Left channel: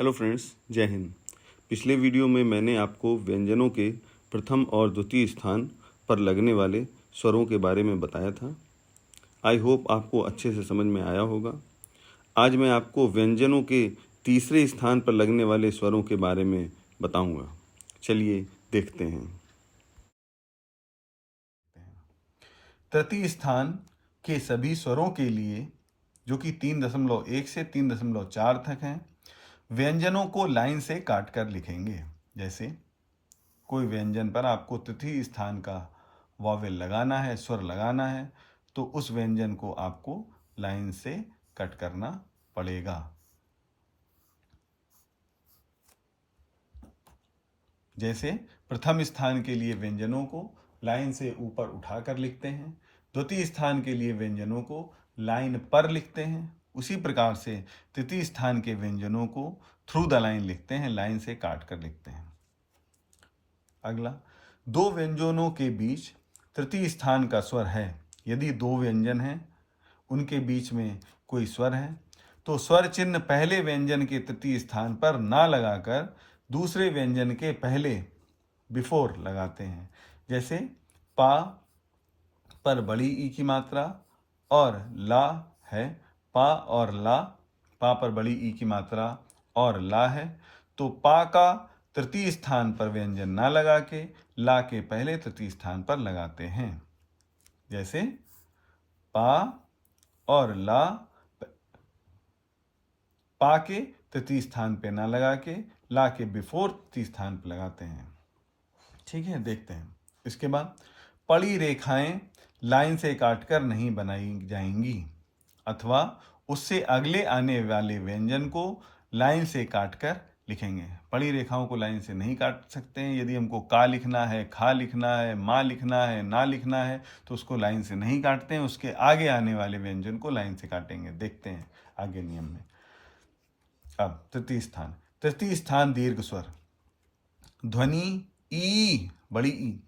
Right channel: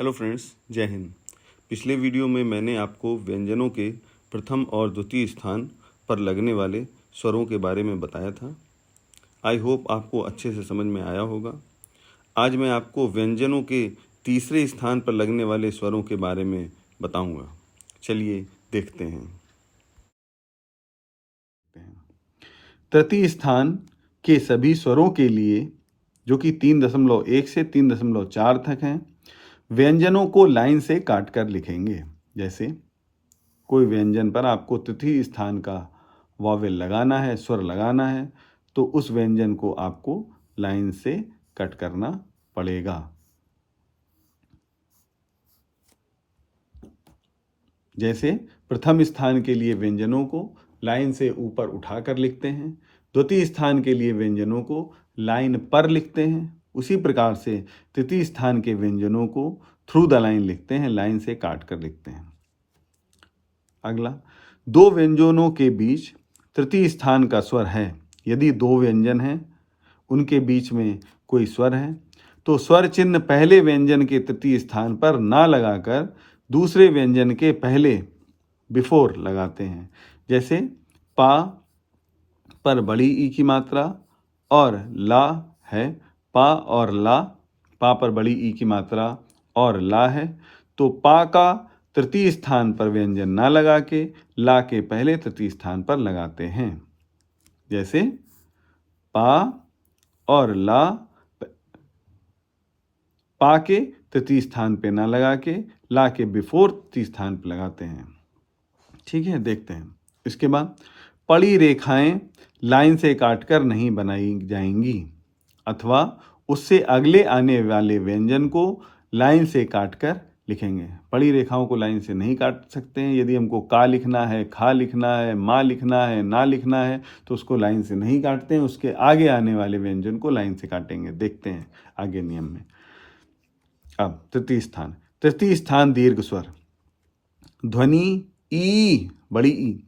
Hello friends, जय हिंद। पिछले video में मैंने आपको व्यंजनों के प्रथम और द्वितीय स्थान पर लगने वाले स्वरों के बारे में बताया था। आई होप आपको अच्छे से समझ में आया होगा। आज मैं आपको व्यंजनों के तीसरे स्थान पर लगने वाले स्वरों के बारे में बताऊंगा। चलिए देखते हैं। तृतीय स्थान के सभी स्वरों के लिए, जो कि 3.1 से 3.4 तक हैं, व्यंजनों को लाइन से काट कर लिखेंगे। जैसे कोई व्यंजन पर आपको तृतीय स्थान का वॉवेल लगाना है, स्वर लगाना है, तो उस व्यंजन को आपको लाइन से कट करना पड़ेगा। जैसे प्रथम स्थान के लिए व्यंजनों को लाइन से ऊपर उठाकर लिखते हैं, द्वितीय स्थान के लिए व्यंजनों को लाइन पर लिखते हैं, उसी प्रकार से तृतीय स्थान के व्यंजनों को थ्रू द लाइन लिखते हैं, लाइन से काट कर लिखते हैं। अगला, दो व्यंजनों के बीच तृतीय स्थान का स्वर है। यदि दो व्यंजन हैं, उनके बीच में कोई स्वर है, तो स्वर चिन्ह पहले व्यंजन के तृतीय स्थान पर ना लगाकर दूसरे व्यंजन के पहले बिफोर लगाते हैं। जैसे पा पर बड़ी ई की मात्रा और ला है, पा और ला, पा पर बड़ी ई की मात्रा और ला है, तो पा का तृतीय स्थान पर व्यंजन ना लगा के ला के पहले तृतीय स्थान पर लगाते हैं। जैसे पा और ला, पा के तृतीय स्थान पे ना लगा के ला के बिफोर तृतीय स्थान पर लगाते हैं। ठीक है, देखते हैं। इसके बाद पड़ी रेखाएं लाइन से काटकर नहीं बनाई जाएंगी, अथवा उससे अगले आने वाले व्यंजन को लाइन से काटकर लिखेंगे। पड़ी रेखाओं को लाइन से नहीं काट सकते हैं। यदि हमको का लिखना है, खा लिखना है, माँ लिखना है, ना लिखना है, तो उसको लाइन से नहीं काटते हैं, उसके आगे आने वाले व्यंजन को लाइन से काटेंगे। देखते हैं आगे नियम में। अब तृतीय स्थान दीर्घ स्वर ध्वनि ई, बड़ी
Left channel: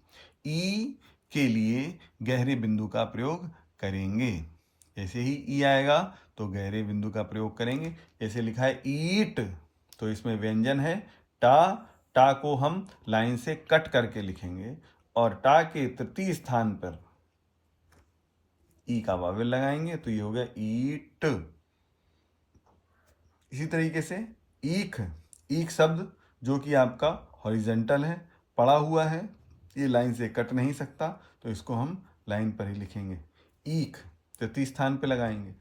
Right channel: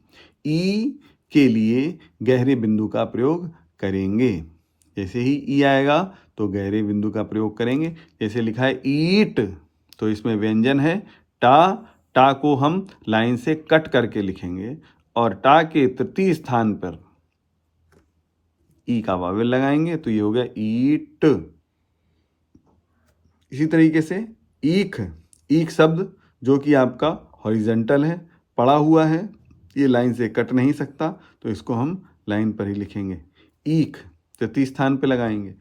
ई के लिए गहरे बिंदु का प्रयोग करेंगे। जैसे ही ई आएगा तो गहरे बिंदु का प्रयोग करेंगे। जैसे लिखा है ईट, तो इसमें व्यंजन है टा, टा को हम लाइन से कट करके लिखेंगे और टा के तृतीय स्थान पर ई का वावेल लगाएंगे, तो ये हो गया ईट। इसी तरीके से ईख, ईख शब्द जो कि आपका हॉरिजॉन्टल है, पड़ा हुआ है, ये लाइन से कट नहीं सकता, तो इसको हम लाइन पर ही लिखेंगे। ईख तृतीय स्थान पे लगाएंगे।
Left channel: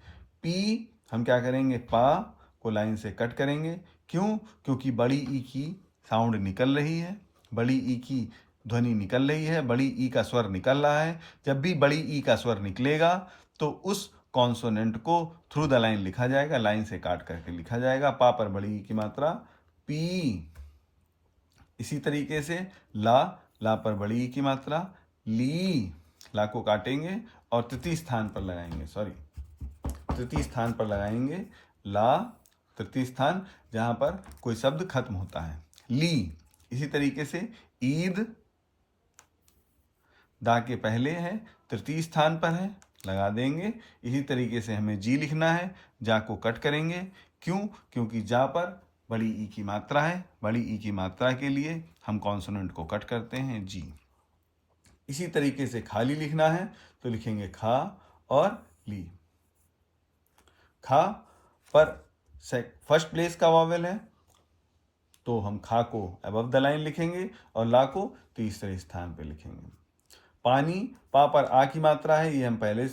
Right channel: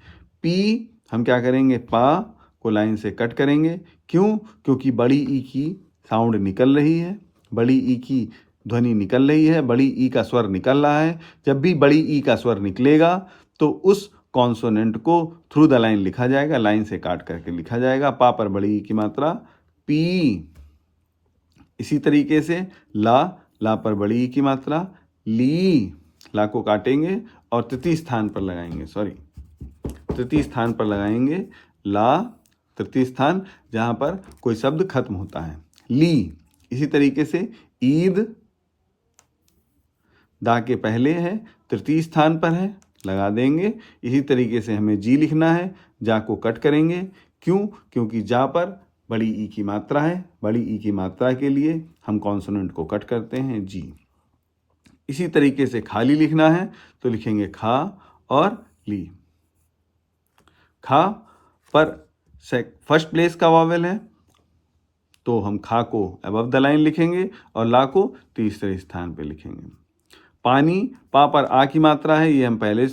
पी हम क्या करेंगे, पा को लाइन से कट करेंगे। क्यों? क्योंकि बड़ी ई की साउंड निकल रही है, बड़ी ई की ध्वनि निकल रही है, बड़ी ई का स्वर निकल रहा है। जब भी बड़ी ई का स्वर निकलेगा तो उस कॉन्सोनेंट को थ्रू द लाइन लिखा जाएगा, लाइन से काट करके लिखा जाएगा। पा पर बड़ी ई की मात्रा पी। इसी तरीके से ला, ला पर बड़ी ई की मात्रा ली, ला को काटेंगे और तृतीय स्थान पर लगाएंगे, तृतीय स्थान पर लगाएंगे ला, तृतीय स्थान जहां पर कोई शब्द खत्म होता है, ली। इसी तरीके से ईद, दा के पहले है, तृतीय स्थान पर है, लगा देंगे। इसी तरीके से हमें जी लिखना है, जा को कट करेंगे। क्यों? क्योंकि जा पर बड़ी ई की मात्रा है, बड़ी ई की मात्रा के लिए हम कॉन्सोनेंट को कट करते हैं, जी। इसी तरीके से खाली लिखना है तो लिखेंगे खा और ली। खा पर फर्स्ट प्लेस का वावेल है, तो हम खा को अबव द लाइन लिखेंगे और ला को तीसरे स्थान पे लिखेंगे। पानी, पा पर आ की मात्रा है, ये हम पहले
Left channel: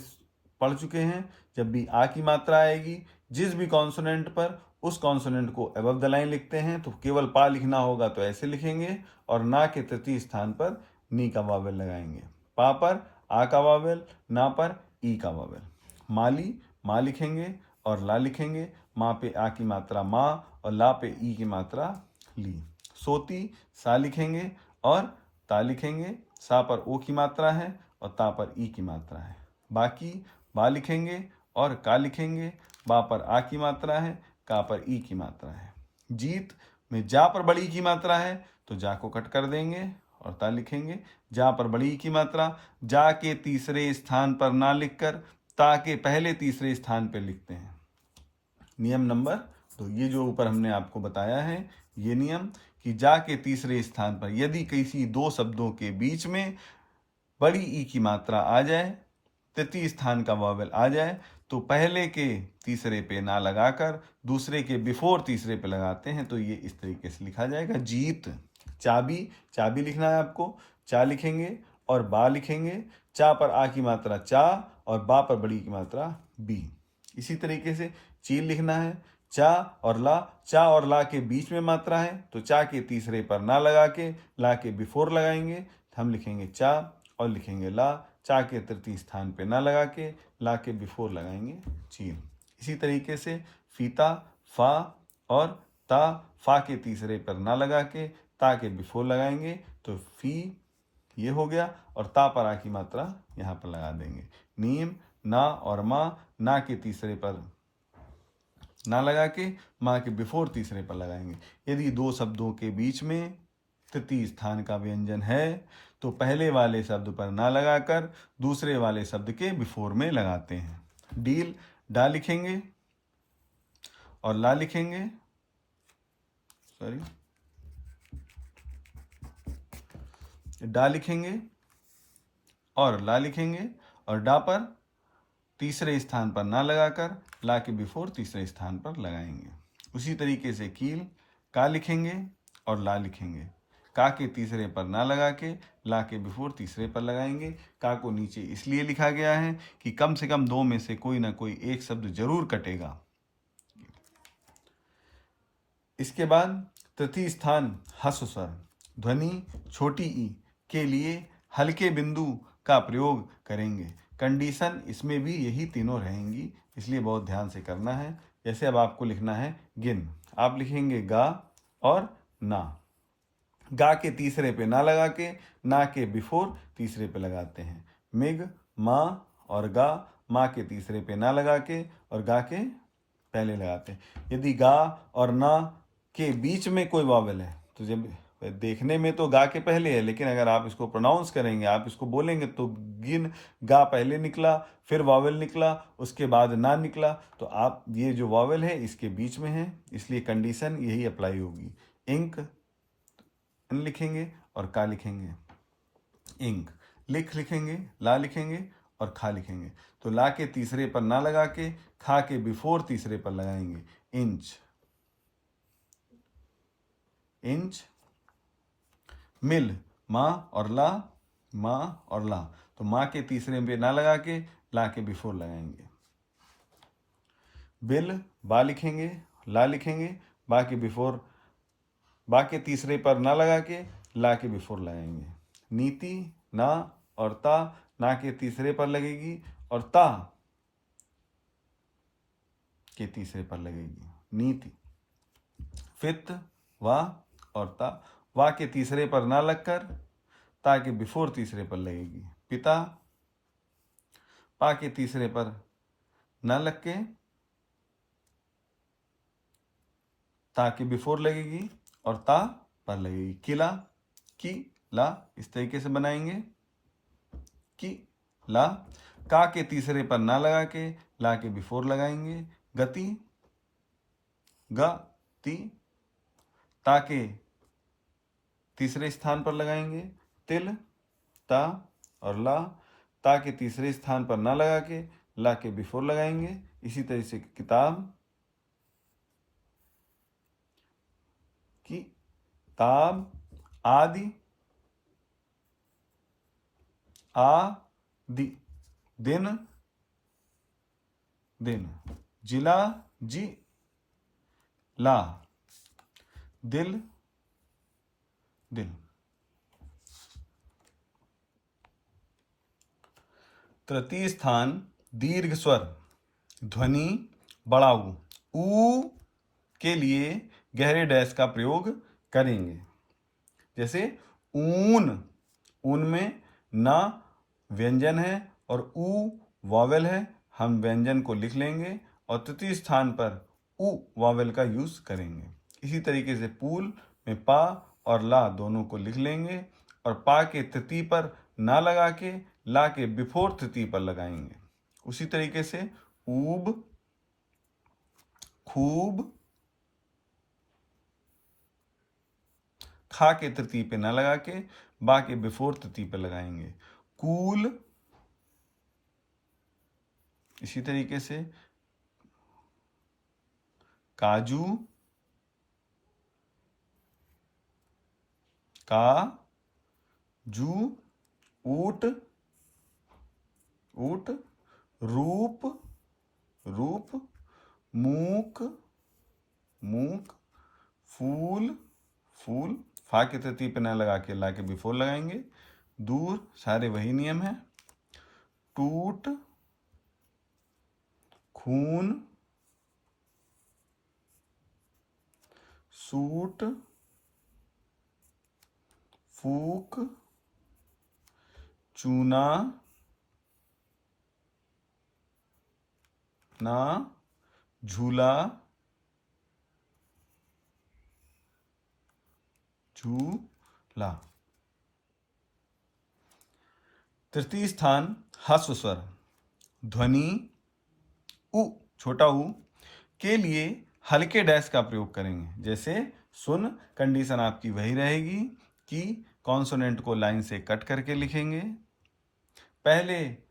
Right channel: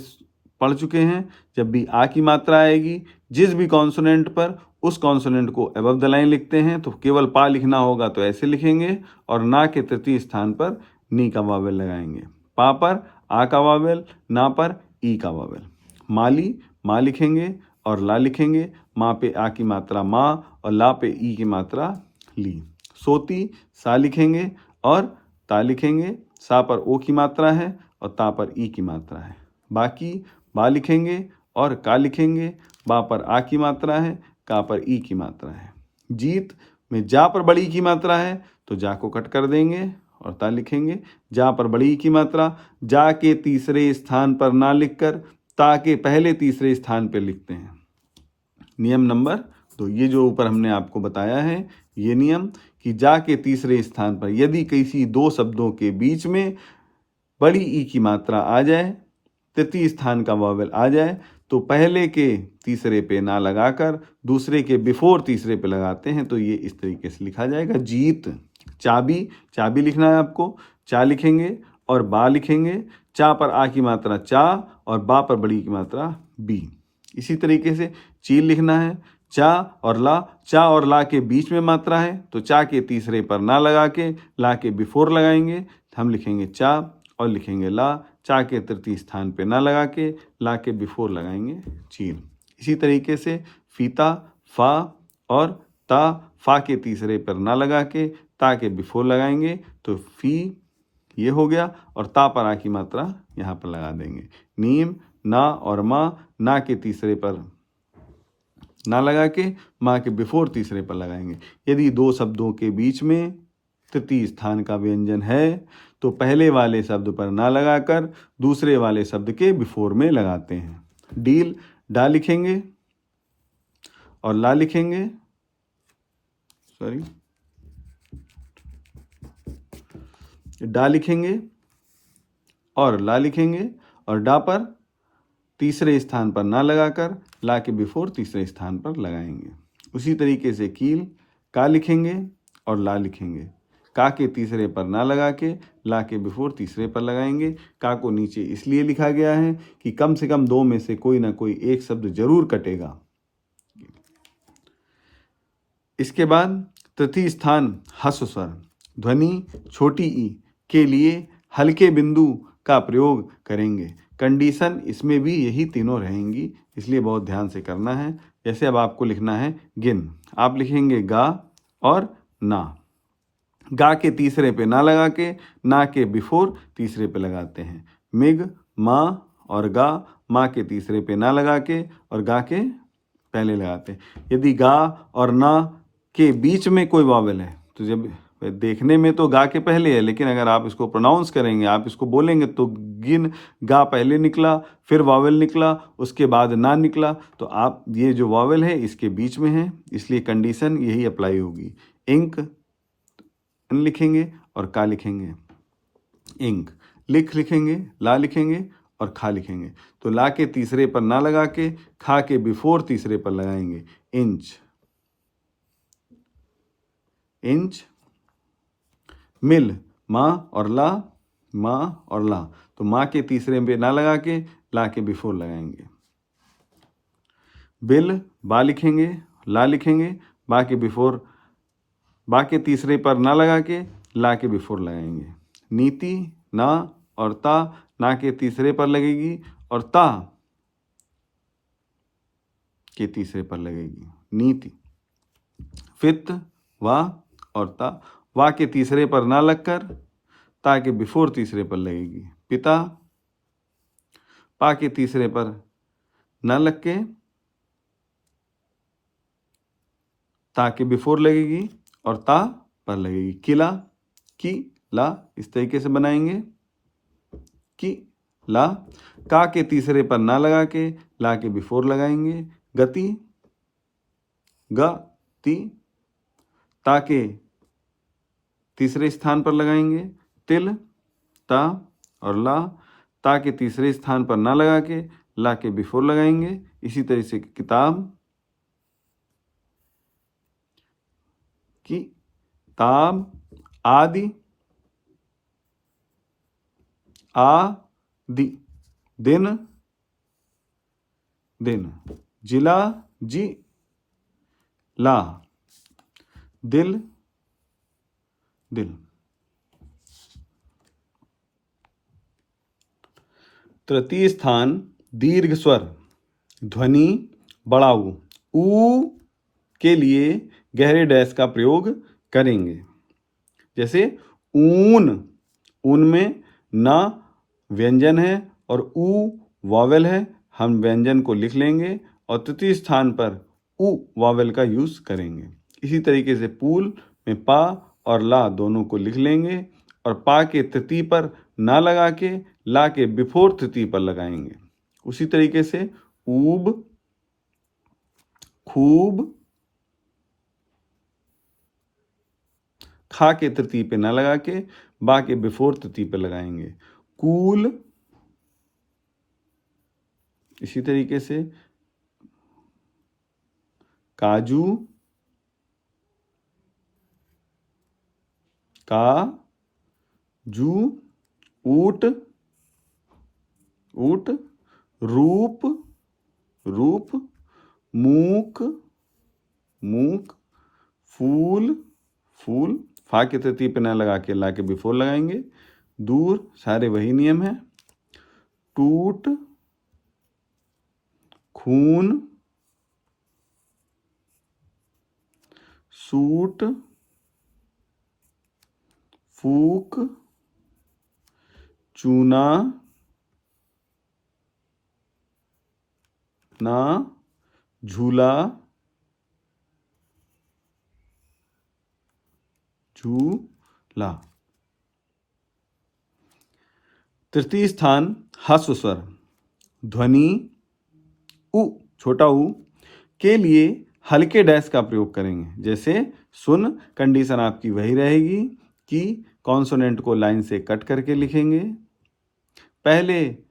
पढ़ चुके हैं। जब भी आ की मात्रा आएगी जिस भी कॉन्सोनेंट पर, उस कॉन्सोनेंट को अबव द लाइन लिखते हैं। तो केवल पा लिखना होगा तो ऐसे लिखेंगे और ना के तृतीय स्थान पर नी का वावेल लगाएंगे। पा पर आ का वावेल, ना पर ई का वावेल। माली, माँ लिखेंगे और ला लिखेंगे। माँ पे आ की मात्रा माँ और ला पे ई की मात्रा ली। सोती, सा लिखेंगे और ता लिखेंगे। सा पर ओ की मात्रा है और ता पर ई की मात्रा है। बाकी बा लिखेंगे और का लिखेंगे। बा पर आ की मात्रा है, का पर ई की मात्रा है। जीत में जा पर बड़ी की मात्रा है तो जा को कट कर देंगे और ता लिखेंगे। जा पर बड़ी की मात्रा, जा के तीसरे स्थान पर ना लिखकर ता के पहले तीसरे स्थान पर लिखते हैं। नियम नंबर तो ये जो ऊपर हमने आपको बताया है ये नियम कि जा के तीसरे स्थान पर यदि किसी दो शब्दों के बीच में बड़ी ई की मात्रा आ जाए, तृतीय स्थान का वॉवेल आ जाए, तो पहले के तीसरे पे ना लगाकर दूसरे के बिफोर तीसरे पे लगाते हैं, तो ये इस तरीके से लिखा जाएगा। जीत। चाबी, चाबी लिखना है आपको, चा लिखेंगे और बा लिखेंगे। चा पर आ की मात्रा चा और बा पर बड़ी की मात्रा बी। इसी तरीके से चील लिखना है, चा और ला। चा और ला के बीच में मात्रा है, तो चा के तीसरे पर ना लगा के ला के बिफोर लगाएंगे, हम लिखेंगे चा और लिखेंगे ला। चा के तृतीय स्थान पे ना लगा के ला के बिफोर लगाएंगे चील। इसी तरीके से फीता, फा और ता, फा के तीसरे पर ना लगा के ता के बिफोर लगाएंगे, तो फी ये हो गया, और ता पर आ की मात्रा यहाँ पर लगा देंगे। नीम, ना और माँ, ना के तीसरे पर ना लगा के माँ के बिफोर तीसरे पर लगाएंगे। यदि दो शब्दों के बीच में तृतीय स्थान का व्यंजन है तो पहले वाले शब्द पर ना लगाकर दूसरे वाले शब्द के बिफोर में लगाते हैं। डील, डा लिखेंगे और ला लिखेंगे, डा लिखेंगे और ला लिखेंगे, और डा पर तीसरे स्थान पर ना लगाकर ला के बिफोर तीसरे स्थान पर लगाएंगे। उसी तरीके से कील, का लिखेंगे और ला लिखेंगे। का के तीसरे पर ना लगा के ला के बिफोर तीसरे पर लगाएंगे। का को नीचे इसलिए लिखा गया है कि कम से कम दो में से कोई ना कोई एक शब्द जरूर कटेगा। इसके बाद तृतीय स्थान ह्रस्व स्वर, ध्वनि छोटी ई के लिए हल्के बिंदु का प्रयोग करेंगे। कंडीशन इसमें भी यही तीनों रहेंगी, इसलिए बहुत ध्यान से करना है। जैसे अब आपको लिखना है गिन, आप लिखेंगे गा और ना। गा के तीसरे पे ना लगा के ना के बिफोर तीसरे पे लगाते हैं। मिग, माँ और गा, माँ के तीसरे पे ना लगा के और गा के पहले लगाते हैं। यदि गा और ना के बीच में कोई वावेल है तो जब देखने में तो गा के पहले है, लेकिन अगर आप इसको प्रोनाउंस करेंगे, आप इसको बोलेंगे तो गिन, गा पहले निकला, फिर वावेल निकला, उसके बाद ना निकला, तो आप ये जो वावेल है इसके बीच में है, इसलिए कंडीशन यही अप्लाई होगी। इंक, इन लिखेंगे और का लिखेंगे। इंक, लिख लिखेंगे, ला लिखेंगे और खा लिखेंगे। तो ला के तीसरे पर ना लगा के खा के बिफोर तीसरे पर लगाएंगे। Inch, inch. मिल, माँ और ला, माँ और ला, तो माँ के तीसरे पे ना लगा के ला के बिफोर लगाएंगे। बिल, बा लिखेंगे, ला लिखेंगे, बा के बिफोर, बा के तीसरे पर ना लगा के ला के बिफोर लगाएंगे। नीति, ना और ता, ना के तीसरे पर लगेगी और ता के तीसरे पर लगेगी। नीति। फित, वाह और ता, वाह के तीसरे पर ना लगकर ता के बिफोर तीसरे पर लगेगी। पिता, पा के तीसरे पर ना लग के ता के बिफोर लगेगी और ता पर लगेगी। किला, की, ला, इस तरीके से बनाएंगे। की, ला, का के तीसरे पर ना लगा के ला के बिफोर लगाएंगे। गति, ग, ती, ता के तीसरे स्थान पर लगाएंगे। तिल, ता और ला, ता के तीसरे स्थान पर ना लगा के ला के बिफोर लगाएंगे। इसी तरह से किताब, की, ताब, आदि, आदि, दिन, दिन, जिला, जी, ला, दिल, दिल। तृतीय स्थान दीर्घ स्वर, ध्वनि बढ़ाऊ ऊ के लिए गहरे डैश का प्रयोग करेंगे। जैसे ऊन, ऊन में ना व्यंजन है और ऊ वॉवेल है, हम व्यंजन को लिख लेंगे और तृतीय स्थान पर ऊ वॉवेल का यूज करेंगे। इसी तरीके से पूल में पा और ला दोनों को लिख लेंगे और पा के तृतीय पर ना लगा के ला के बिफोर तृतीय पर लगाएंगे। उसी तरीके से ऊब, खूब, खा के तृतीय पे न लगा के बा के बिफोर तृतीय पे लगाएंगे। कूल, इसी तरीके से काजू, का जू, ऊट, ऊट, रूप, रूप, मूक, मूक, फूल, फूल, फा के तृतीय पे न लगा के ला के बिफोर लगाएंगे। दूर, सारे वही नियम है। टूट, खून, सूट, फूक, चूना, ना, झूला, झूला। तृतीय स्थान ह्रस्व स्वर ध्वनि उ, छोटा उ के लिए हल्के डैश का प्रयोग करेंगे। जैसे सुन, कंडीशन आपकी वही रहेगी कि कॉन्सोनेंट को लाइन से कट करके लिखेंगे। पहले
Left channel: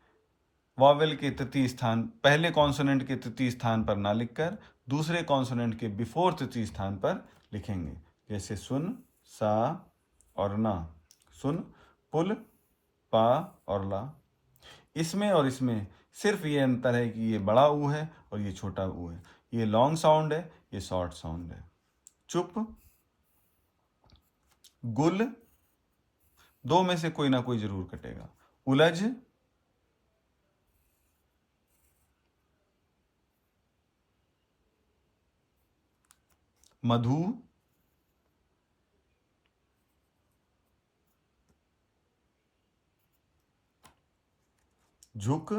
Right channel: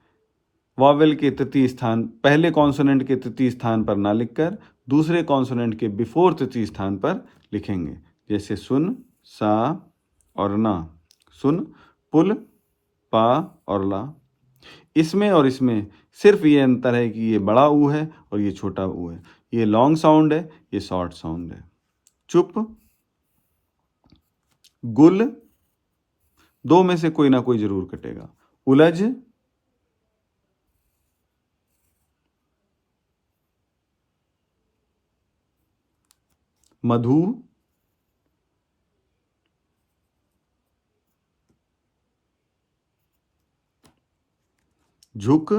वॉवेल के तृतीय स्थान, पहले कॉन्सोनेंट के तृतीय स्थान पर ना लिखकर दूसरे कॉन्सोनेंट के बिफोर तृतीय स्थान पर लिखेंगे। जैसे सुन, सा और ना। सुन, पुल, पा और ला। इसमें और इसमें सिर्फ ये अंतर है कि ये बड़ा ऊ है और ये छोटा ऊ है। ये लॉन्ग साउंड है, ये शॉर्ट साउंड है। चुप, गुल, दो में से कोई ना कोई जरूर कटेगा। उलझ, मधु, झुक,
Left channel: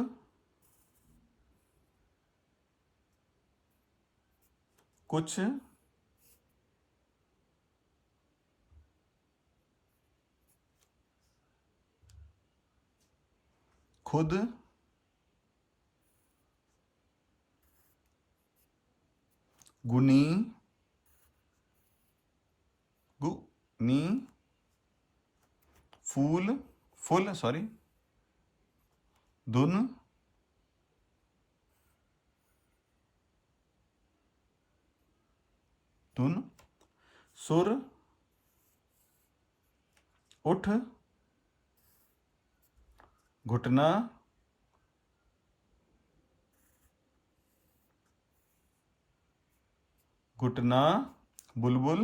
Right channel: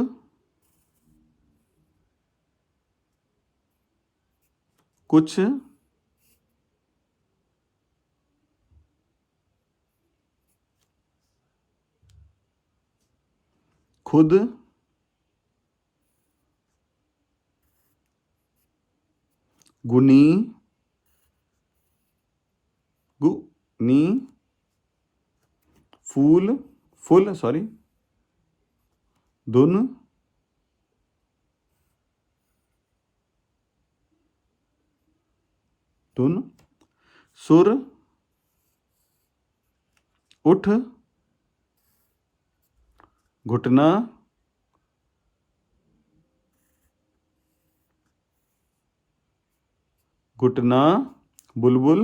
कुछ, खुद, गुनी, गुनी, फूल, फुल सॉरी, धुन, धुन, सुर, उठ, घुटना, घुटना, बुलबुल,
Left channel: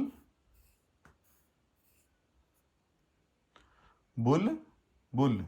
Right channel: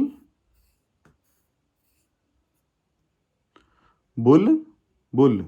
बुल, बुल।